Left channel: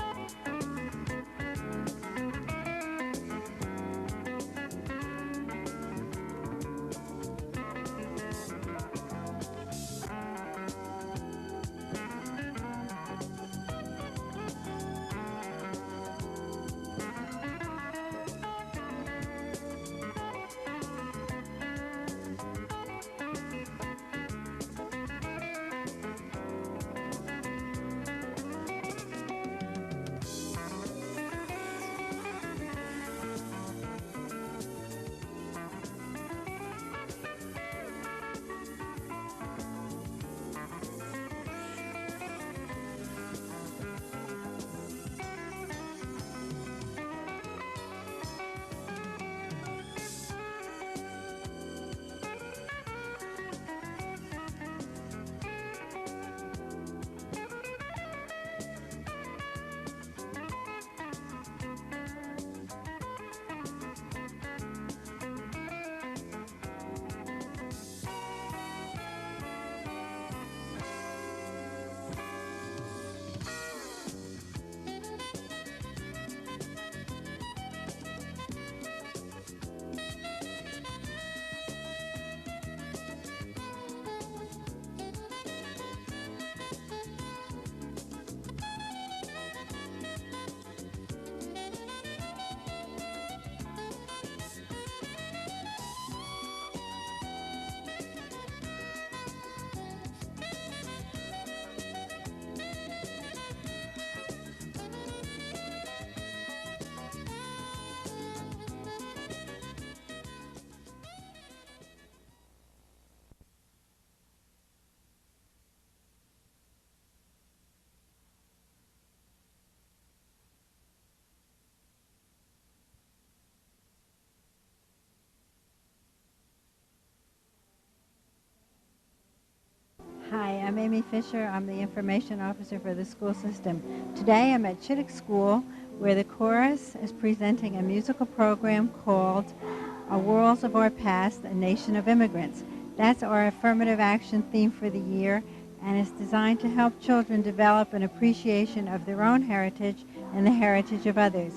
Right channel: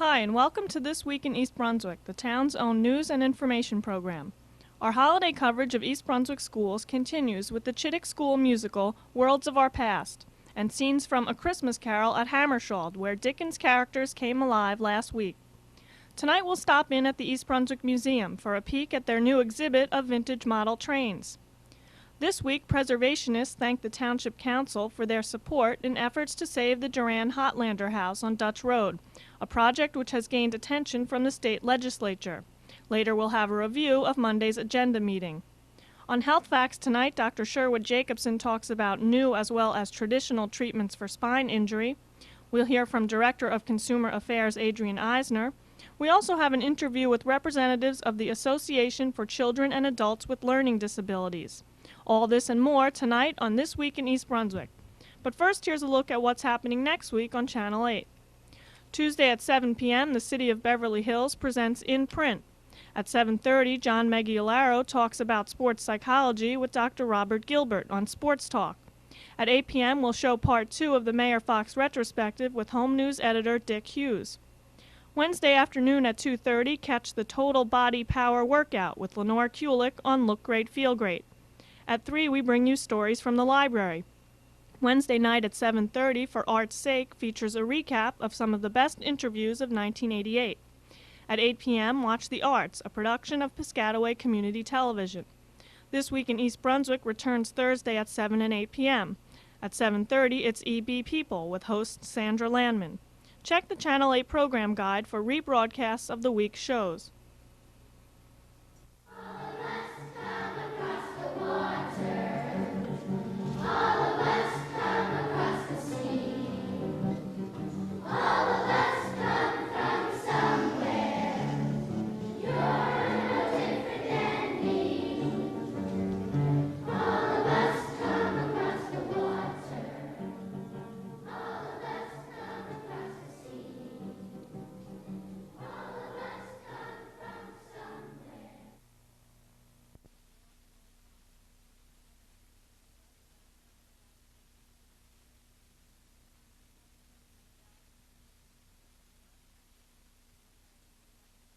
Hi, and welcome to This Week in East Brunswick, the town's own news and information program. Our holiday coverage of East Brunswick schools continues with the Chittick School musical, Worlds of Our Past, and scenes from A Christmas Carol at Hammersholt, where Dickens' characters came alive last week. Tonight we'll stop in at the East Brunswick Museum for a peek at their new exhibit of vintage model trains. This week, preservationists thanked the Township Council for their support in efforts to save the Duran Hotlander House on Dutch Road, a project which has gained attention from the state legislature. Later, we'll have a review of Monday's agenda meeting. On Health Facts tonight, Dr. Sherwood Jacobson talks about new as well as traditional treatments for spine injury. We'll hear from Director of Consumer Affairs Adrian Eisner. We also have an interview with representatives of the Association for Children and Adults with Learning Disabilities. All this and more tonight on This Week in East Brunswick. But first, here's a look at what's happening next week on Channel 8. Tuesday at 7 p.m., the City of Beverly Hills presents In Print. At 7:30, John Meggiolaro talks about sports psychology with Dr. Robert Gilbert on Sports Talk. At 8 p.m., we'll show part 2 of the Mayor Fox retrospective with Home News editor Dick Hughes. Wednesday afternoon at 2:30, catch the Total Body Power Workout with Lenore Kulick on Look Great, Feel Great. At 3, we bring you stories from the library. Wednesday night at 7:30, For Art's Sake, features a recap of some of the best interviews of 1988. At 8 p.m., watch The Arts, a production of Piscataway Community Television. This Week in East Brunswick returns Thursday at 7 and 8 p.m. At 7:30, it's EB People with host Sandra Landman. Check the Channel 8 program guide for rebroadcasts of the week's shows. Fisher. I'm the information officer for the school system. Today I'm at Chittick School, where the chorus is presenting a musical program called Worlds of Our Past, A Nation of Immigrants. That's our affirmative action theme for the year, and it's designed to help children develop an appreciation of their own heritage and the heritage of others.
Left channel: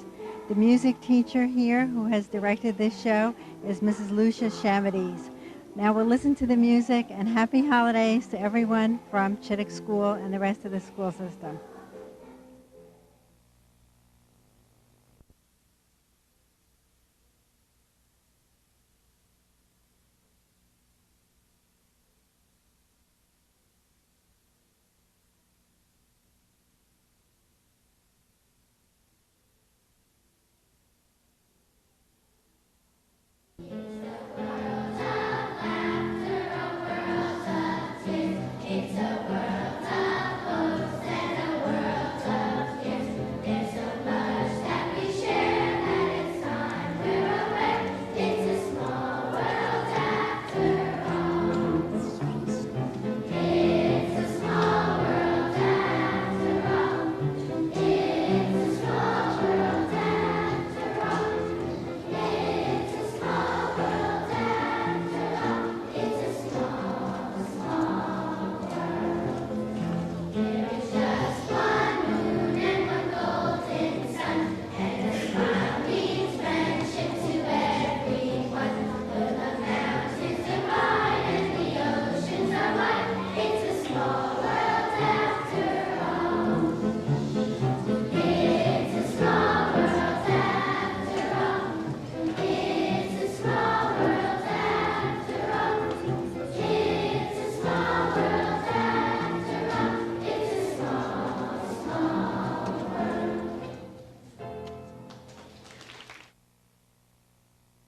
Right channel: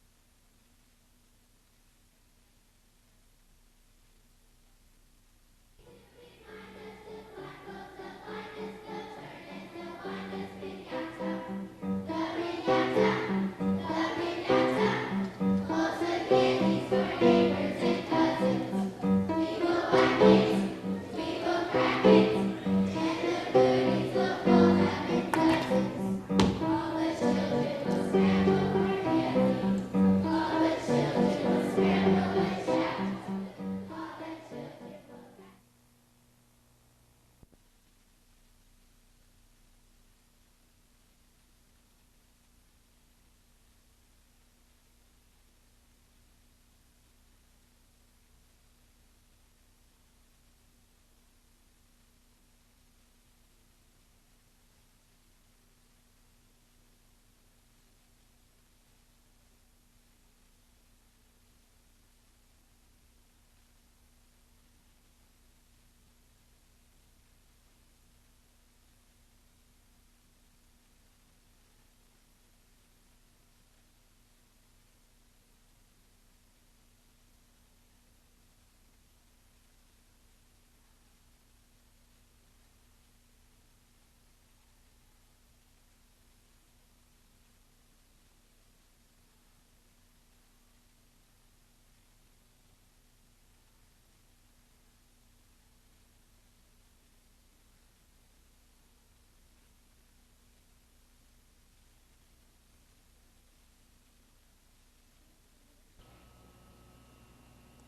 The music teacher here who has directed this show is Mrs. Lucia Chamadiz. Now we'll listen to the music, and happy holidays to everyone from Chittick School and the rest of the school system.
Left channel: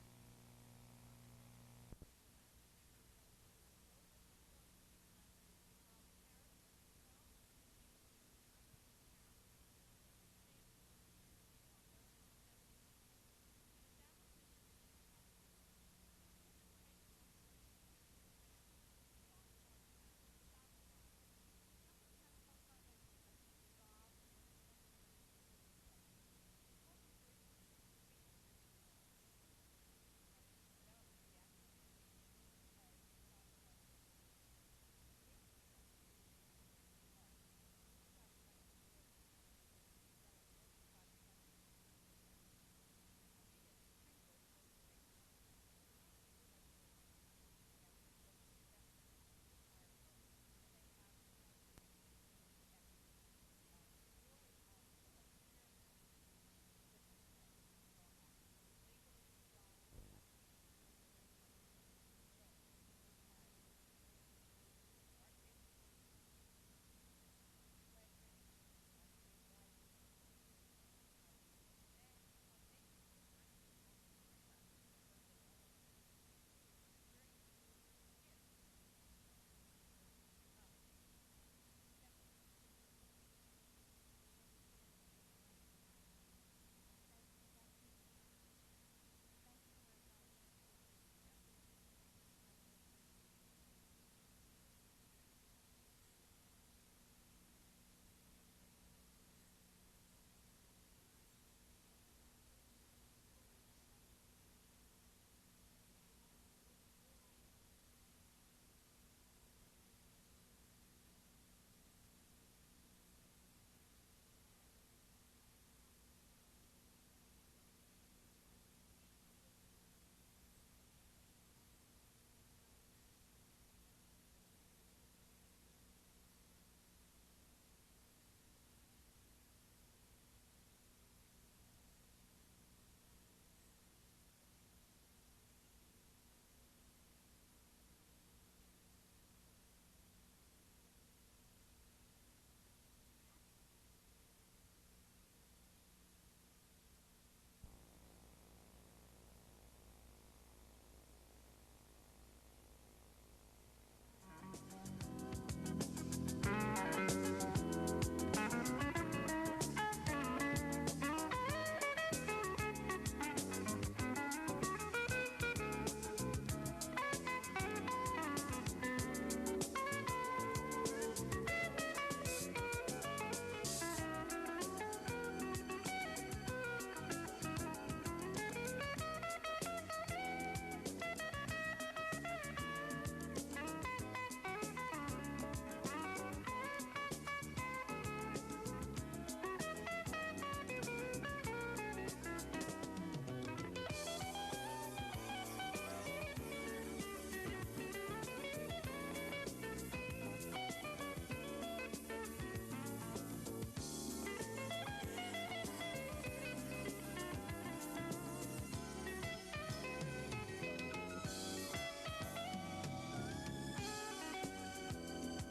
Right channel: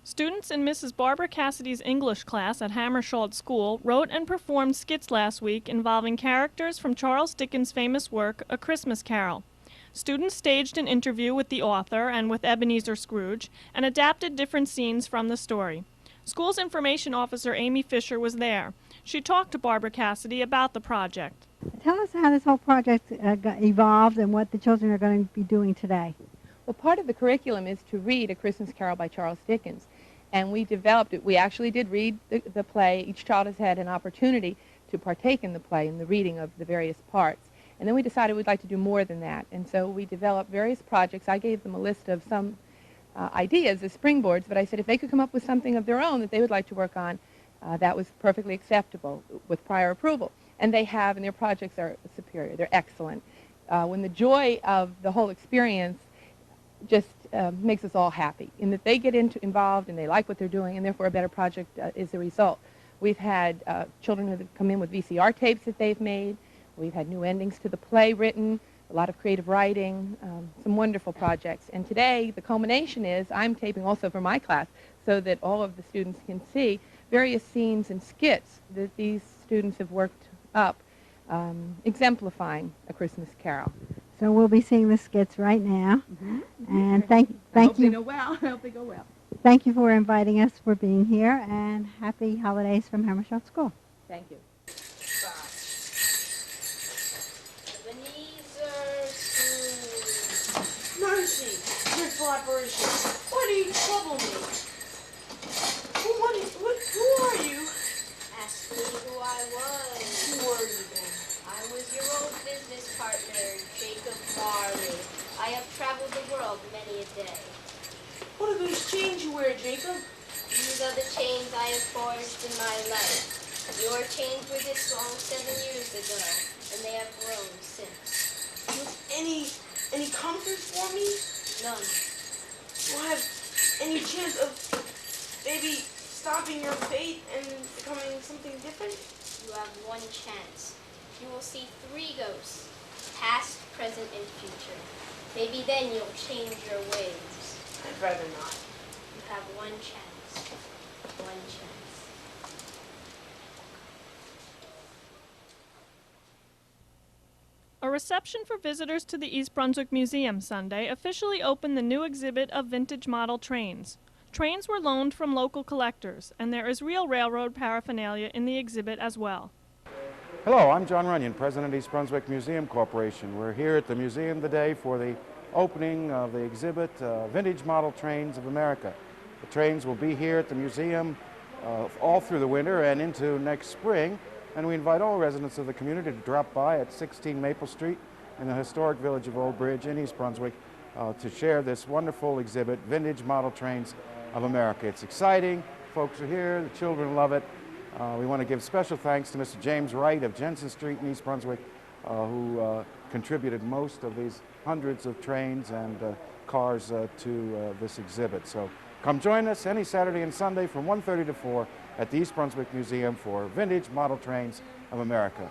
Students in Mrs. Barbara Cassidy's English class at Hammersholt School wrote and performed skits last week involving characters from Charles Dickens' famous work, A Christmas Carol. Students staged an interview with the author and with Ebenezer Scrooge and adapted different scenes from the story. School's information officer Amy Fisher was there. She talked to Barbara Cassidy about the project. Tell us how this whole project got evolved and what the children are going to be doing today. Well, part of the curriculum is to read A Christmas Carol by Charles Dickens. And we developed it. We actually did read the play. Each child has had an opportunity to partake in the play and the reading of the various parts. And then we decided we'd like to do more than that. And so we developed various projects. I gave them a list of some ideas as springboards, but I said if they could come up with something of their own that they would like to work on, that was perfectly acceptable with prior approval. And they have, and their projects are superior. They're excellent. When the joy of the whole experience just makes us all happy, in that they get involved and they like what they're doing, and therefore a better project is the result. We've had children who have come in with VCR tapes that they've made. We've had new endings to the play written, a lot of creative writing, some wonderful projects. And today, the culmination is I'm taping also for my class so that all of the students can see various scenes and skits that these students have worked up, exemplifying A Christmas Carol. So we'll be seeing the skits right now. And thank I hope you. they know well. I hope they go well. Thank you for inviting us, for being here, and happy holidays from Hammersholt School. Thank you. Mercy, dreadful apparition, why do you trouble me? Who are you? Ask me who I was. Who are you then? I was your old business partner, Jacob Marley. I have traveled the world many a day. What are those chains you wear, Jacob? These are the chains I have forged in my life. Your chains were this long 7 years ago, and they have grown since. Any comfort for me? None. Do I have any chance of maybe stopping your fate and becoming something different? You have one chance. You will see 3 ghosts, past, present, and future. Maybe then you'll change your ways. I'd rather not. You have one chance. One chance. A reception for visitors to the East Brunswick Museum Sunday officially opened the new exhibit of vintage model trains. Trains were loaned from local collectors, and there is real railroad paraphernalia in the exhibit as well. Hello, I'm John Runyon, President of East Brunswick Museum Corporation. We're here at the museum today for the opening of the exhibit, Vintage Model Trains of America. The trains will be here at the museum all through the winter and into next spring, and we invite all residents of the community to drop by at 16 Maple Street in the historic village of Old Bridge in East Brunswick to share this wonderful exhibit, Vintage Model Trains of America. It's exciting, folks are here, the children love it. We want to give special thanks to Mr. James Wright of Jensen Street in East Brunswick, who contributed most of these hundreds of trains and cars to this exhibit. So come join us any Saturday and Sunday from 1:30 to 4 at the East Brunswick Museum for Vintage Model Trains of America.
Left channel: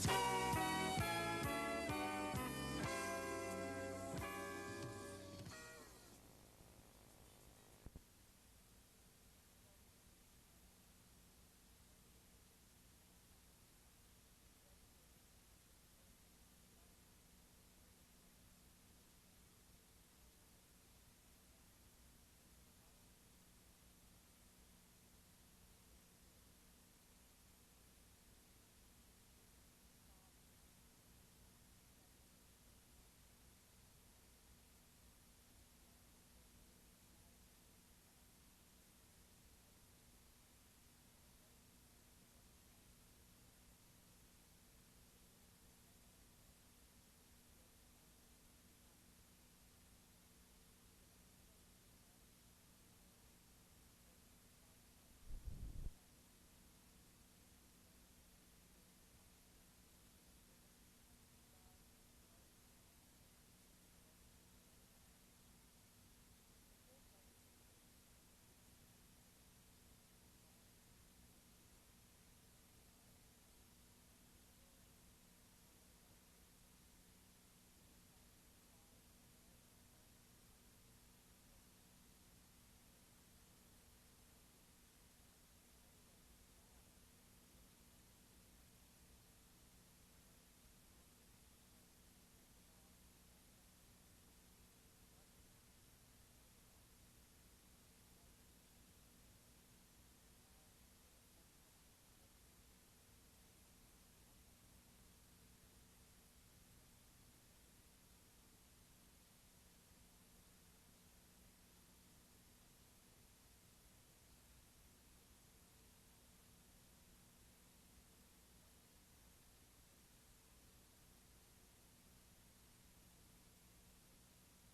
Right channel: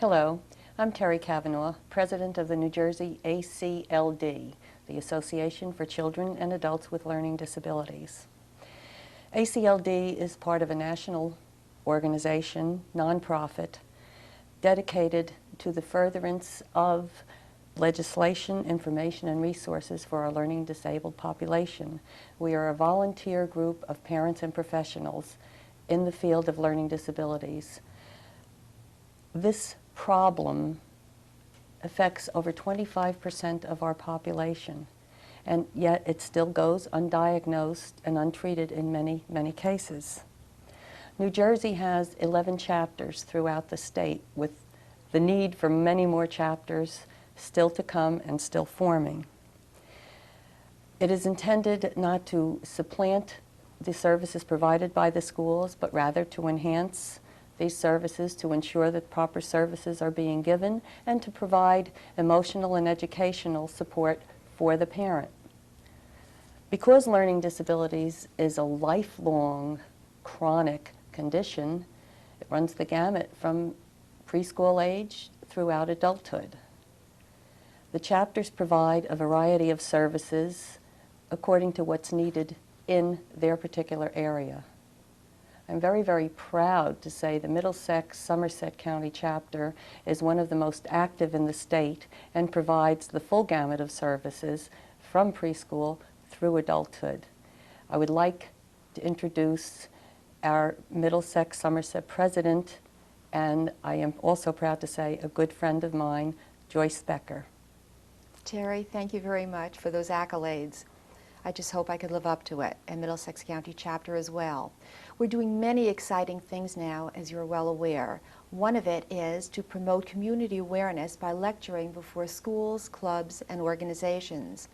Hello, I'm Terry Kavanaugh, President of the New Jersey ACLD, the Association for Children and Adults with Learning Disabilities. ACLD is part of a national organization, nonprofit, dedicated to the furtherance of legislation, information, and resources for our learning disabled population. We are a volunteer group of parents and professionals in the field of learning disabilities. This problem affects over 25% of our population, and yet it still goes undiagnosed and untreated in many, many cases. New Jersey has 11 chapters throughout the state, with the need for many more chapters still to come and still forming. It is intended not to supplant the services provided by the schools, but rather to enhance these services, to ensure that proper services are being given, and to provide emotional and educational support for the parent. Because learning disabilities is a lifelong, chronic condition, it runs the gamut from preschool age throughout adulthood. The chapters provide a variety of services according to what's needed in their particular area. I'm very, very proud to say the Middlesex Somerset County chapter is one of the most active in the state and provides the full gamut of services from preschool through adulthood. I would like to introduce our Middlesex Somerset president, and I am also proud to say a good friend of mine, Joyce Becker. Terry, thank you very much for those accolades. I just hope I could live up to it, and Middlesex County chapter as well. We're doing many exciting things now, as you're well aware. One of it is to promote community awareness by lecturing before schools, clubs, and organizations.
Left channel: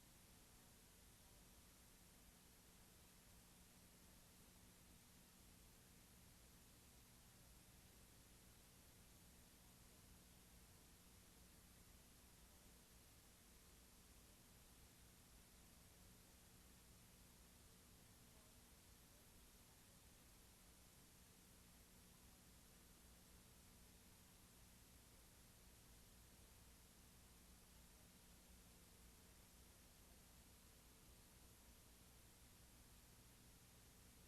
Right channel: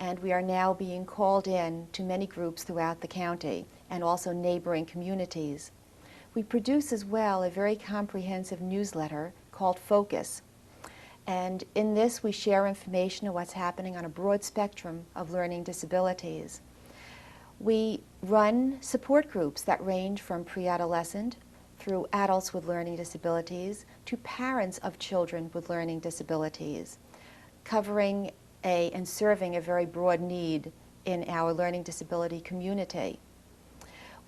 And we are now being called in to many groups throughout the county and also neighboring communities. We produce as well a very comprehensive newsletter called Focus. And in this, we share information on what's happening on a broad spectrum of learning disabilities. We run support groups that range from pre-adolescent through adults with learning disabilities to parents of children with learning disabilities, covering and serving a very broad need in our learning disability community.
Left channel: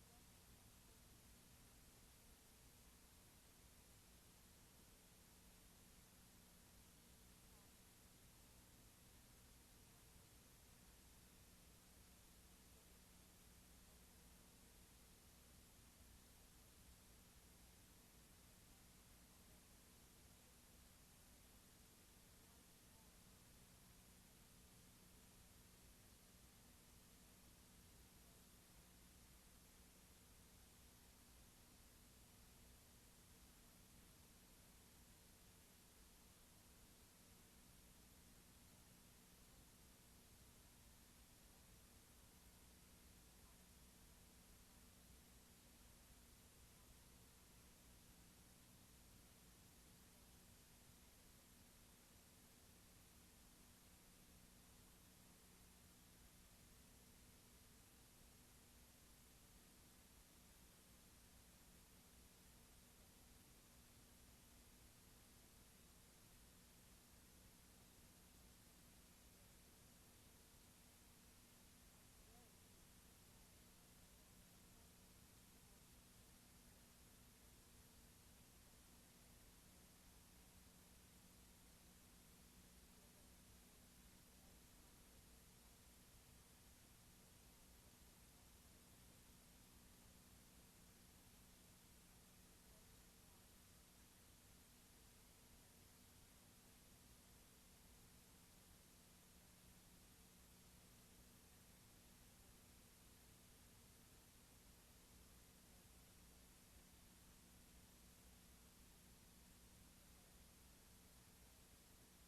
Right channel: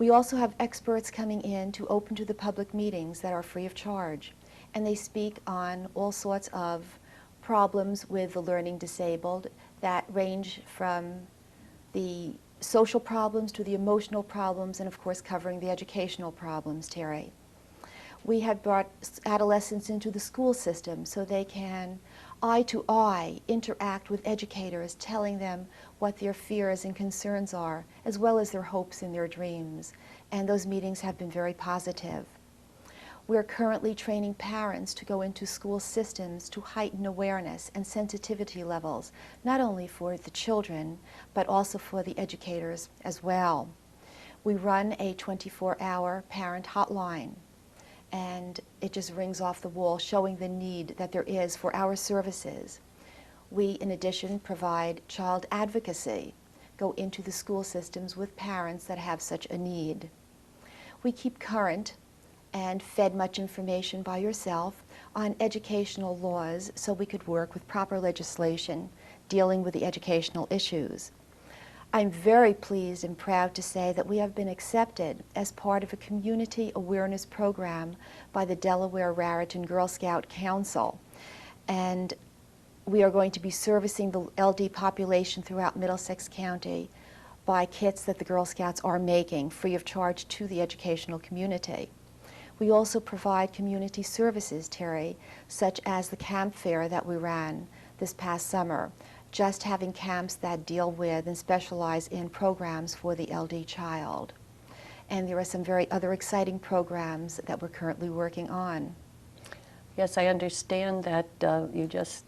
We also have experts coming in to open to the public meetings that are free of charge, and they speak on all sorts of problems with the learning disabled that range from the social problems to the emotional problems, and of course covering the educational problems, Terry. We have brought adolescents into the school system so they can eye-to-eye interact with educators, telling them what their fears and concerns are, as well as their hopes and their dreams. And those meetings have been very positive. We're currently training parents to go into school systems to heighten awareness and sensitivity levels, not only for the children, but also for the educators as well. We run a 24-hour parent hotline, and it just rings off the wall, showing the need that there is for our services. We, in addition, provide child advocacy, go into the school systems with parents that have such a need. We keep current and fed much information by yourself on educational laws so we could work with proper legislation dealing with the educational issues. I'm very pleased and proud to say that we have been accepted as part of a community awareness program by the Delaware Raritan Girl Scout Council. And we are going to be servicing the LD population throughout Middlesex County by kits that the Girl Scouts are making free of charge to the educational community. We also provide community services, Terry, such as the camp fair that we ran this past summer, just having camps that deal with and specialize in programs for the LD child. And there are some very other exciting programs that we're currently working on. Yes, I understand that you just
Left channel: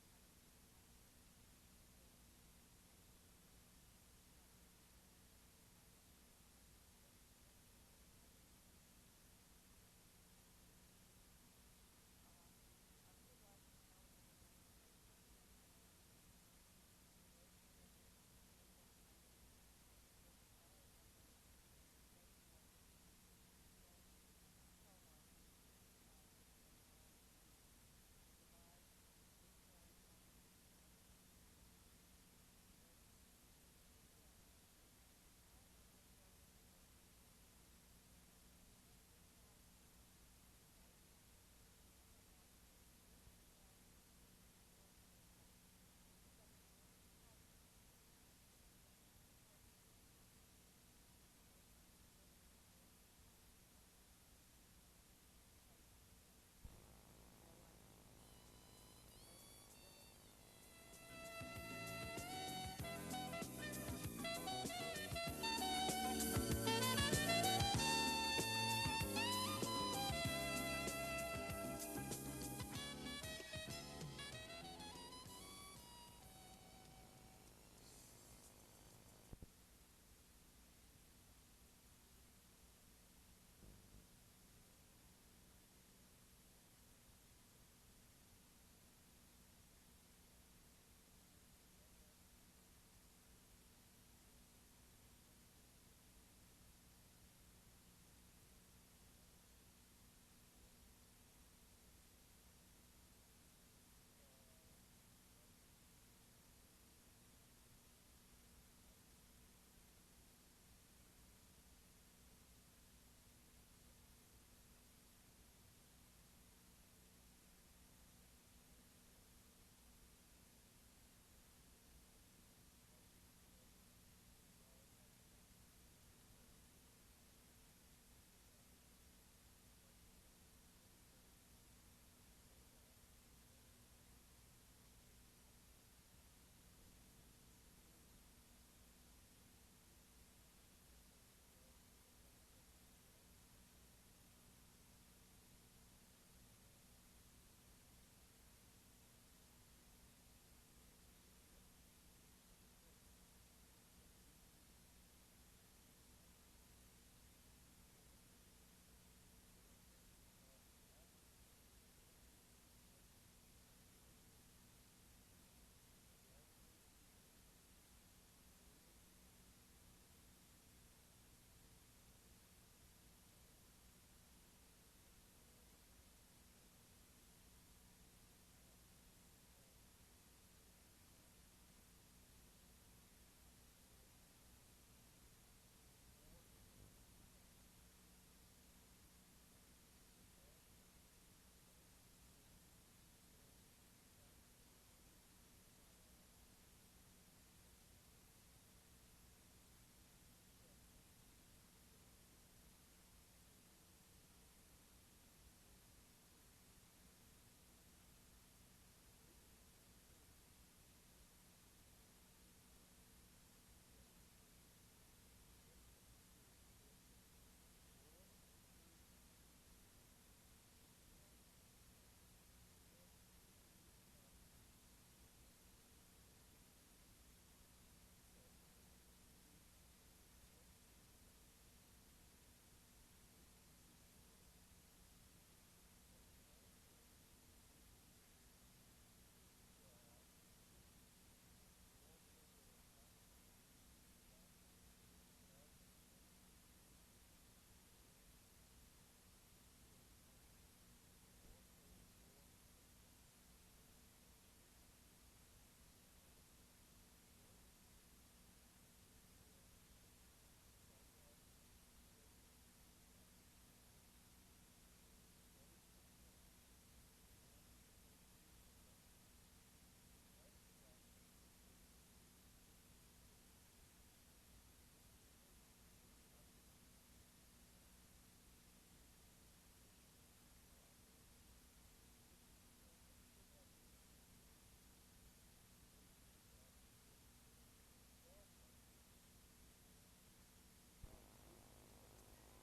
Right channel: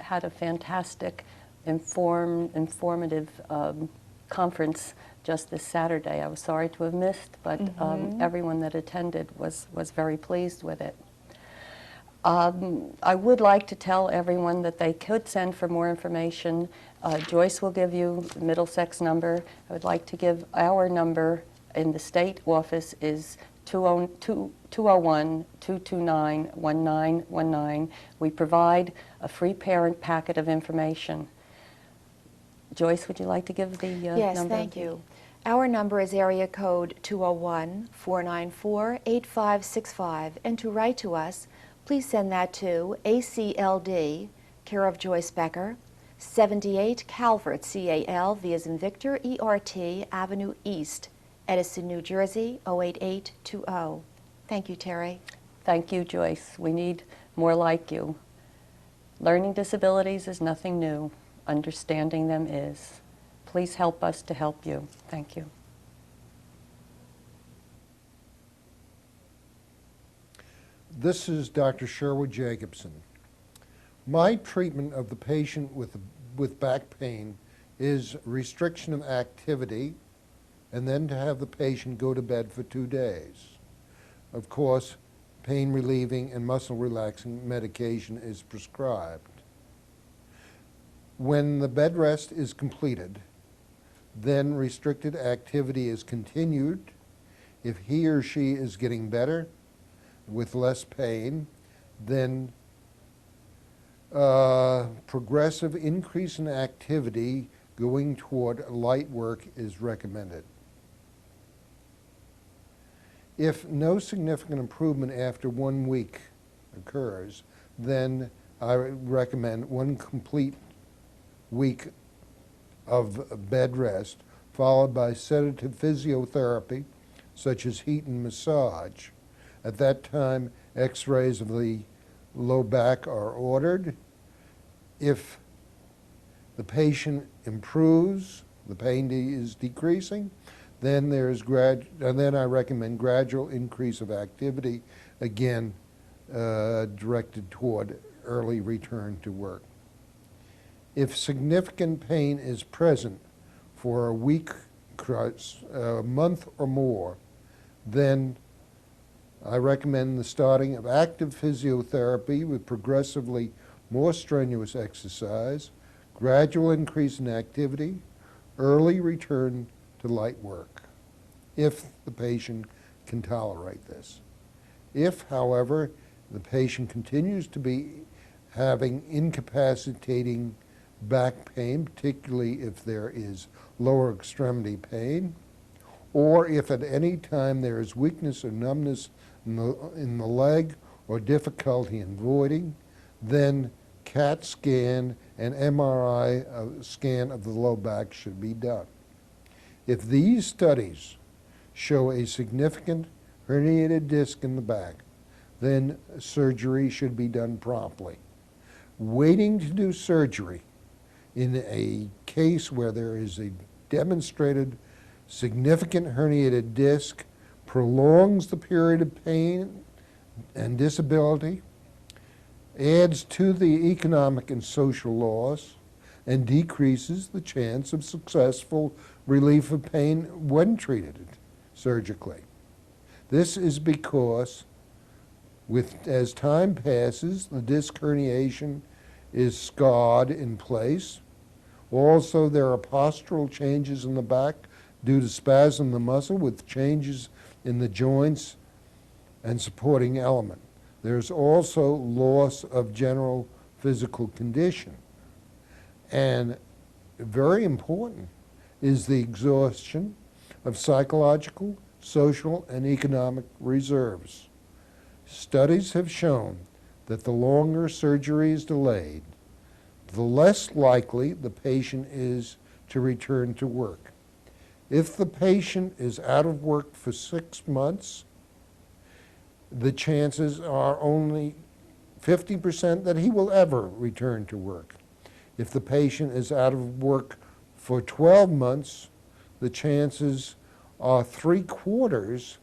had a fantastic, informative conference just this Saturday. I was sorry to have missed, but everyone that attended was very pleased with it. I would like to tell everyone that they could send for more information. Joyce will give you the Middlesex number. I would like to give our number in the state office is 201-229-1919. We provide a free parent packet of information. Joyce, would you like to give the number? Yes, thank you. Our number is area code 201-494-8565, and to write to us, please send that to ACLD, care of Joyce Becker, 78 Calvert, C-A-L-V as in Victor, E-R-T, Avenue East, Edison, New Jersey, 08820. Thank you, Terry. Thank you, Joyce. We need more like you. Learning disabilities is nothing new. Understanding them is. Please help us to help you. Thank you. This is Dr. Sherwood Jacobson. My treatment of the patient with back pain is restriction of activity and then to have the patient go to bed for 2 days. Of course, pain relieving and muscle relaxing medication is prescribed. When the bed rest is completed, then restricted activity is continued. If he or she is getting better with less pain, then progressive increase in activity going toward light work is recommended. If no significant improvement after 1 week occurs, then I recommend 1 complete week of bed rest, followed by sedative physiotherapy, such as heat and massage. At that time, x-rays of the low back are ordered. If the patient improves, the pain is decreasing, then then I recommend gradual increase of activity, again directed toward early return to work. If significant pain is present for a week, a month or more, then I recommend the starting of active physiotherapy with progressively more strenuous exercise, gradual increase in activity, early return to light work, if the patient can tolerate this. If, however, the patient continues to be having incapacitating back pain, particularly if there is lower extremity pain, or if at any time there is weakness or numbness in the leg or difficulty in voiding, then CAT scan and MRI scan of the low back should be done. If these studies show a significant herniated disc in the back, then surgery should be done promptly. Waiting to do surgery in a case where there is a demonstrated significant herniated disc prolongs the period of pain and disability, adds to the economic and social loss, and decreases the chance of successful relief of pain when treated surgically. This is because as time passes, the disc herniation is scarred in place. Also, there are postural changes in the back due to spasm of the muscle with changes in the joints and supporting element. There's also loss of general physical condition. And very important is the exhaustion of psychological, social, and economic reserves. Studies have shown that the longer surgery is delayed, the less likely the patient is to return to work. If the patient is out of work for 6 months, the chances are only 50% that he will ever return to work. If the patient is out of work for 12 months, the chances are 3/4,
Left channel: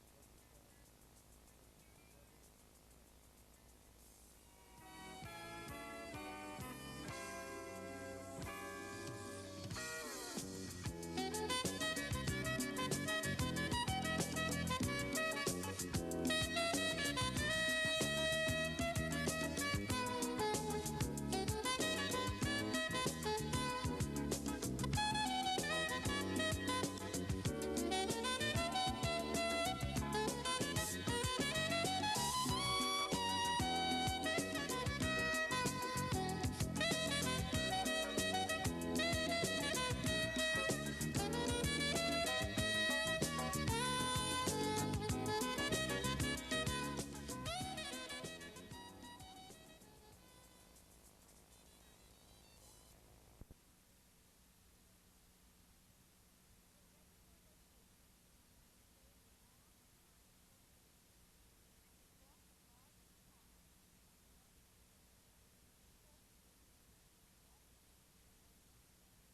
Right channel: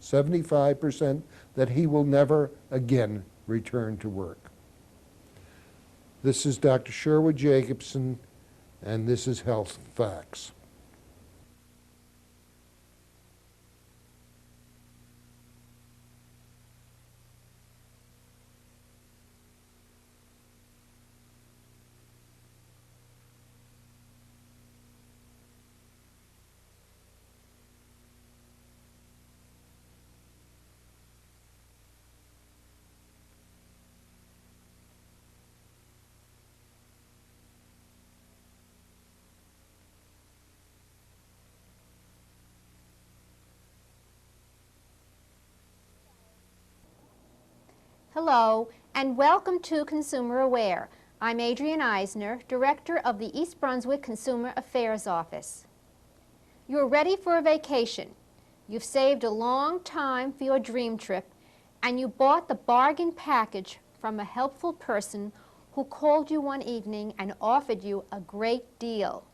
75%, that he will never again return to work. This is Dr. Sherwood Jacobson, and this is Health Facts. Hello, and welcome to Consumer Aware. I'm Adrienne Eisner, Director of the East Brunswick Consumer Affairs Office. You're ready for a vacation. You've saved a long time for your dream trip, and you bought the bargain package from a helpful person who called you one evening and offered you a great deal.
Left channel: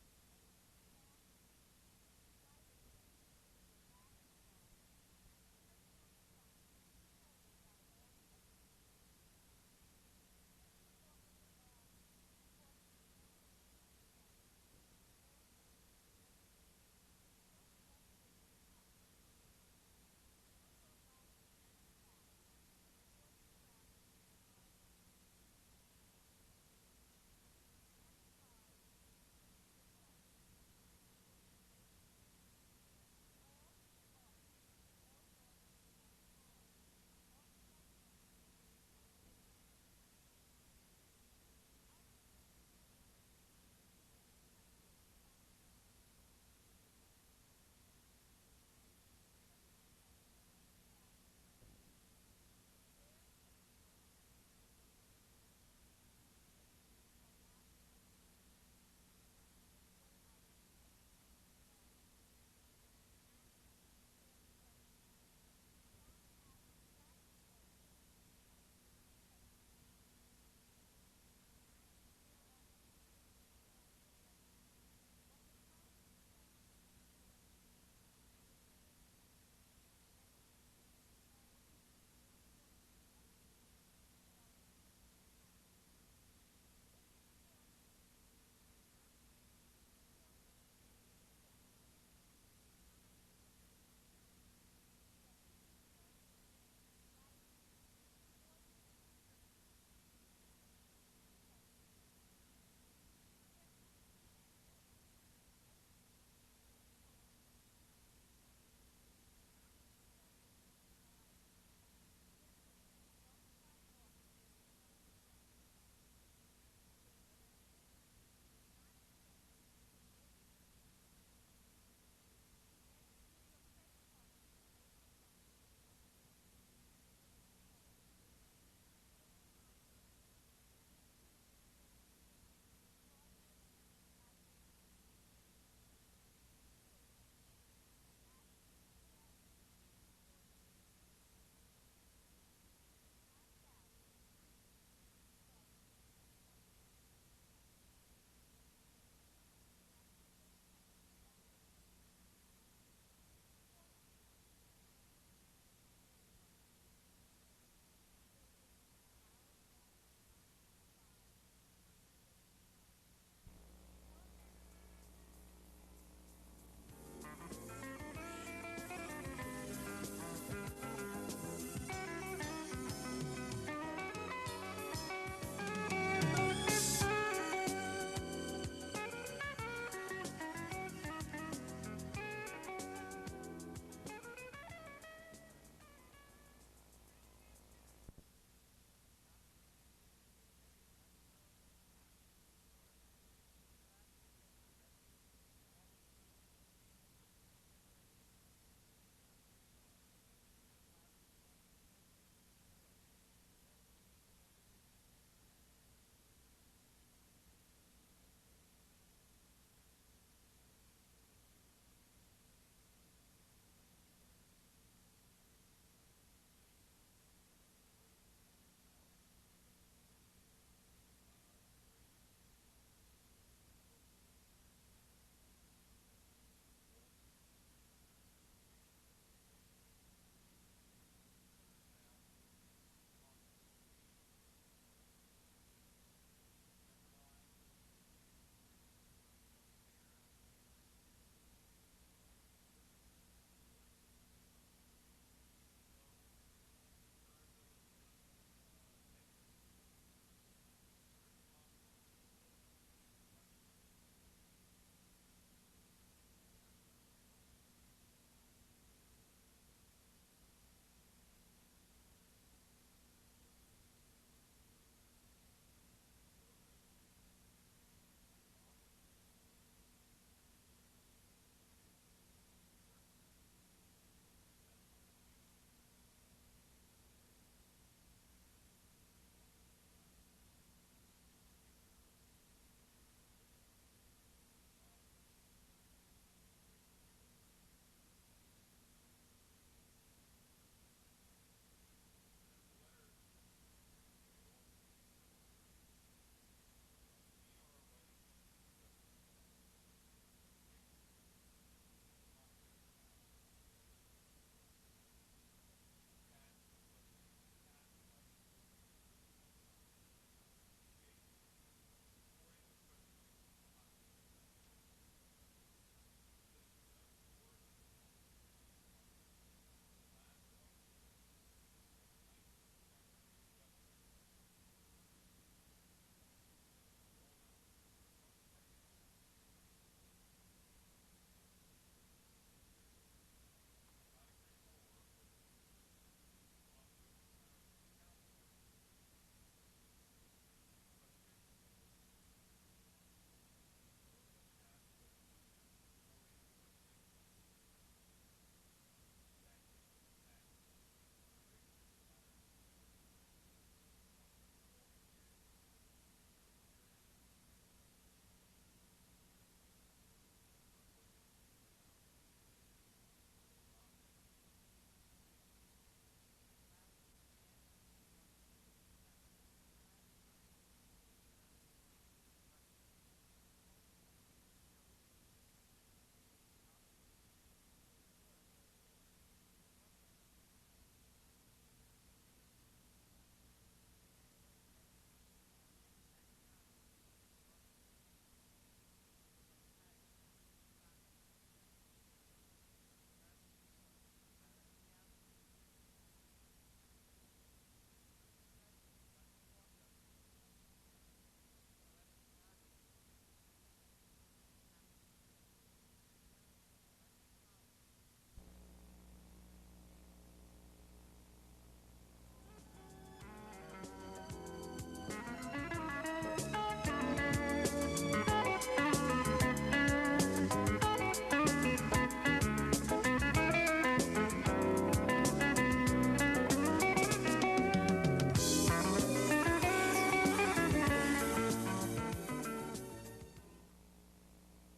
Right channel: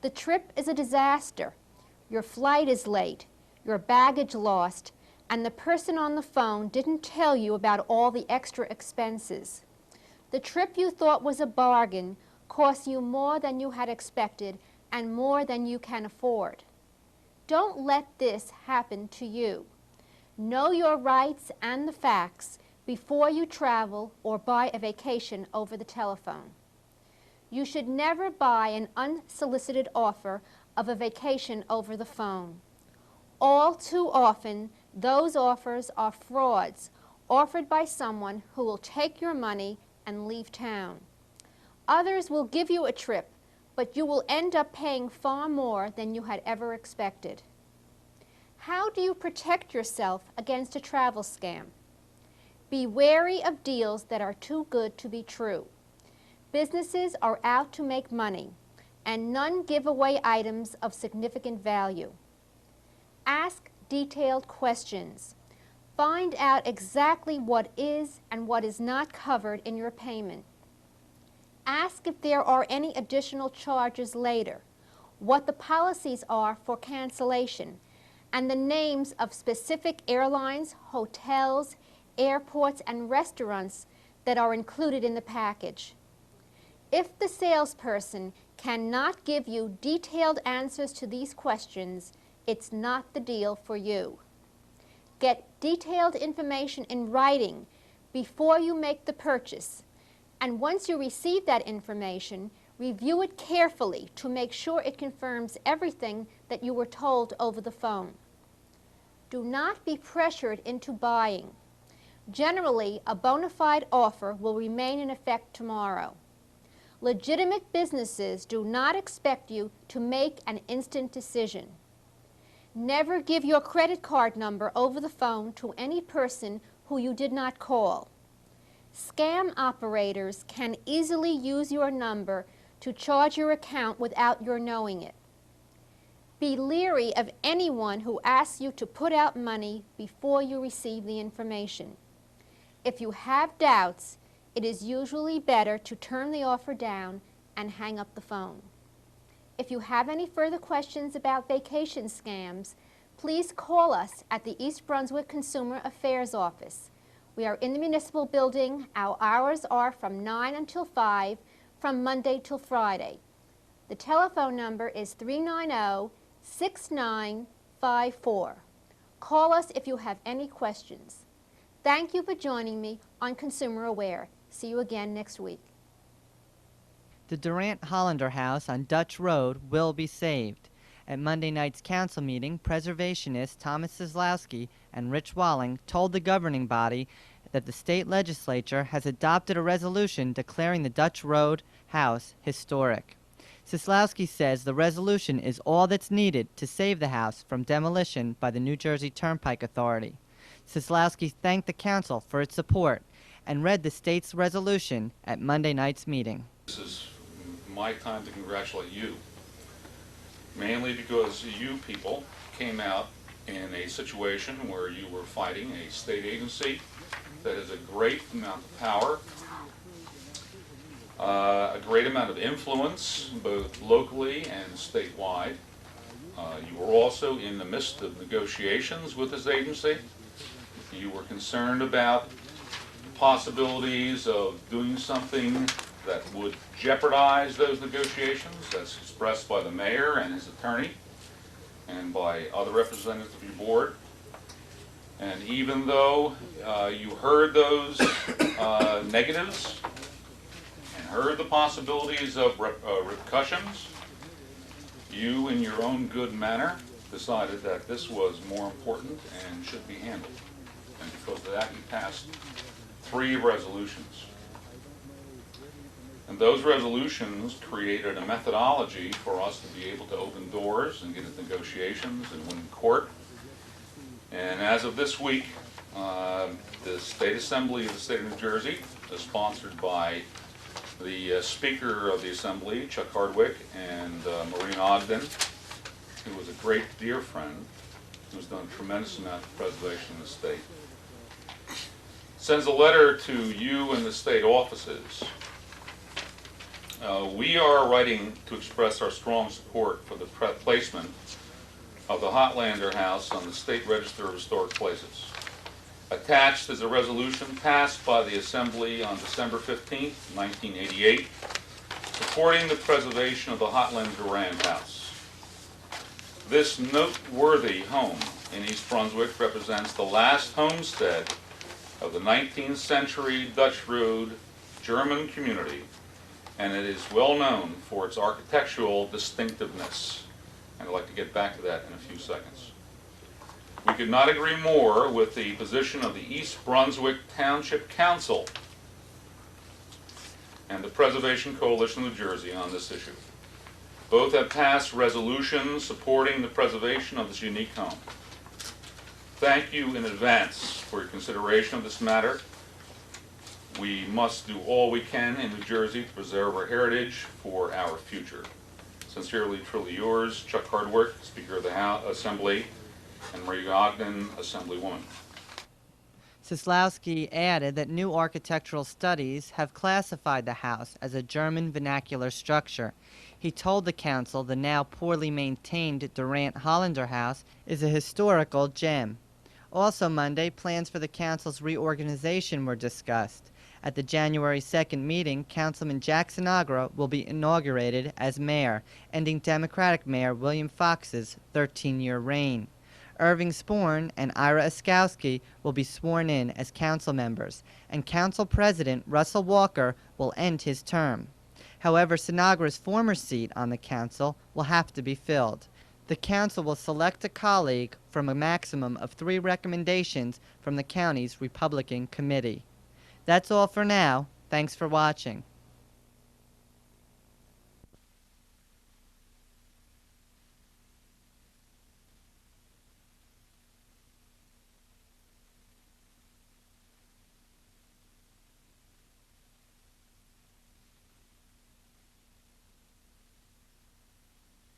The trip is a disaster. Your flight is late, your baggage lost, and the person on the phone didn't tell you about all the extra expenses. The trip you thought was a bargain cost you more than you had expected and more than you can afford. Don't let this happen to you. Know your rights and the facts before you travel or buy a vacation over the telephone. You should never buy an unsolicited offer of a vacation over the phone. All too often, those offers are frauds offered by someone who will take your money and leave town. Others will give you a trip, but you will end up paying far more than you had ever expected. How do you protect yourself against a travel scam? Be wary of deals that are too good to be true. Businesses are out to make money, and none give away items of significant value. Ask detailed questions. Find out exactly what is and what is not covered in your payment. Ask if there are any additional charges later, what the policies are for cancellation, and the names of specific airlines, hotels, airports, and restaurants that are included in the package. If the salesperson cannot give you detailed answers to these questions, it's not the deal for you. Get detailed information in writing before you make the purchase, and once you receive that information, review it carefully to make sure it confirms everything that you were told over the phone. Do not be pressured into buying. Generally, a bona fide offer will remain in effect tomorrow. Legitimate businesses do not expect you to make an instant decision. Never give your credit card number over the phone to any person who you did not call. Scam operators can easily use your number to charge your account without your knowing it. Be leery of anyone who asks you to put out money before you receive the information. If you have doubts, it is usually better to turn the offer down and hang up the phone. If you have any further questions about vacation scams, please call us at the East Brunswick Consumer Affairs Office. We are in the municipal building. Our hours are from 9 until 5, from Monday till Friday. The telephone number is 390-6954. Call us if you have any questions. Thank you for joining me on Consumer Aware. See you again next week. The Durant Hollander House on Dutch Road will be saved. At Monday night's council meeting, preservationists Thomas Sislowski and Rich Walling told the governing body that the state legislature has adopted a resolution declaring the Dutch Road house historic. Sislowski says the resolution is all that's needed to save the house from demolition by the New Jersey Turnpike Authority. Sislowski thanked the council for its support and read the state's resolution at Monday night's meeting. This is my time to congratulate you, mainly because you people came out in a situation where you were fighting a state agency that has a great amount of power, a great amount of influence, both locally and statewide. You were also in the midst of negotiations with this agency. You were concerned about possibilities of doing something that would jeopardize those negotiations, as expressed by the mayor and his attorney and by other representatives of your board. And even though you heard those negatives and heard the possibilities of repercussions, you, in your own good manner, decided that this was more important and should be handled. And because of that, you passed 3 resolutions. And those resolutions created a methodology for us to be able to open doors and get into negotiations and win in court. And as of this week, the State Assembly of the State of New Jersey is sponsored by the Speaker of the Assembly, Chuck Hardwick, and Maureen Ogden, who was a great dear friend, who's done a tremendous amount of preservation in the state. Sends a letter to you and the state offices. We are writing to express our strong support for the placement of the Hollander House on the State Register of Historic Places. Attached is a resolution passed by the Assembly on December 15, 1988, supporting the preservation of the Hollander House. This noteworthy home in East Brunswick represents the last homestead of the 19th century Dutch Road German community, and it is well known for its architectural distinctiveness. And I'd like to get back to that in a few seconds. We could not agree more with the position of the East Brunswick Township Council and the Preservation Coalition of New Jersey on this issue. Both have passed resolutions supporting the preservation of this unique home. Thank you in advance for your consideration of this matter. We must do all we can in New Jersey to preserve our heritage for our future. Sincerely, truly yours, Chuck Hardwick, Speaker of the Assembly, and Marie Ogden, Assemblywoman. Sislowski added that new architectural studies have classified the house as a German vernacular structure. He told the council the now poorly maintained Durant Hollander House is a historical gem. Also Monday, plans for the council's reorganization were discussed. At the January 2nd meeting, Councilman Jackson Agra will be inaugurated as mayor, ending Democratic Mayor William Fox's 13-year reign. Irving Sporn and Ira Oskowski will be sworn in as council members, and Council President Russell Walker will end his term. However, Sinagra's former seat on the council will have to be filled. The council will select a colleague from a maximum of 3 recommendations from the county's Republican committee. That's all for now. Thanks for watching.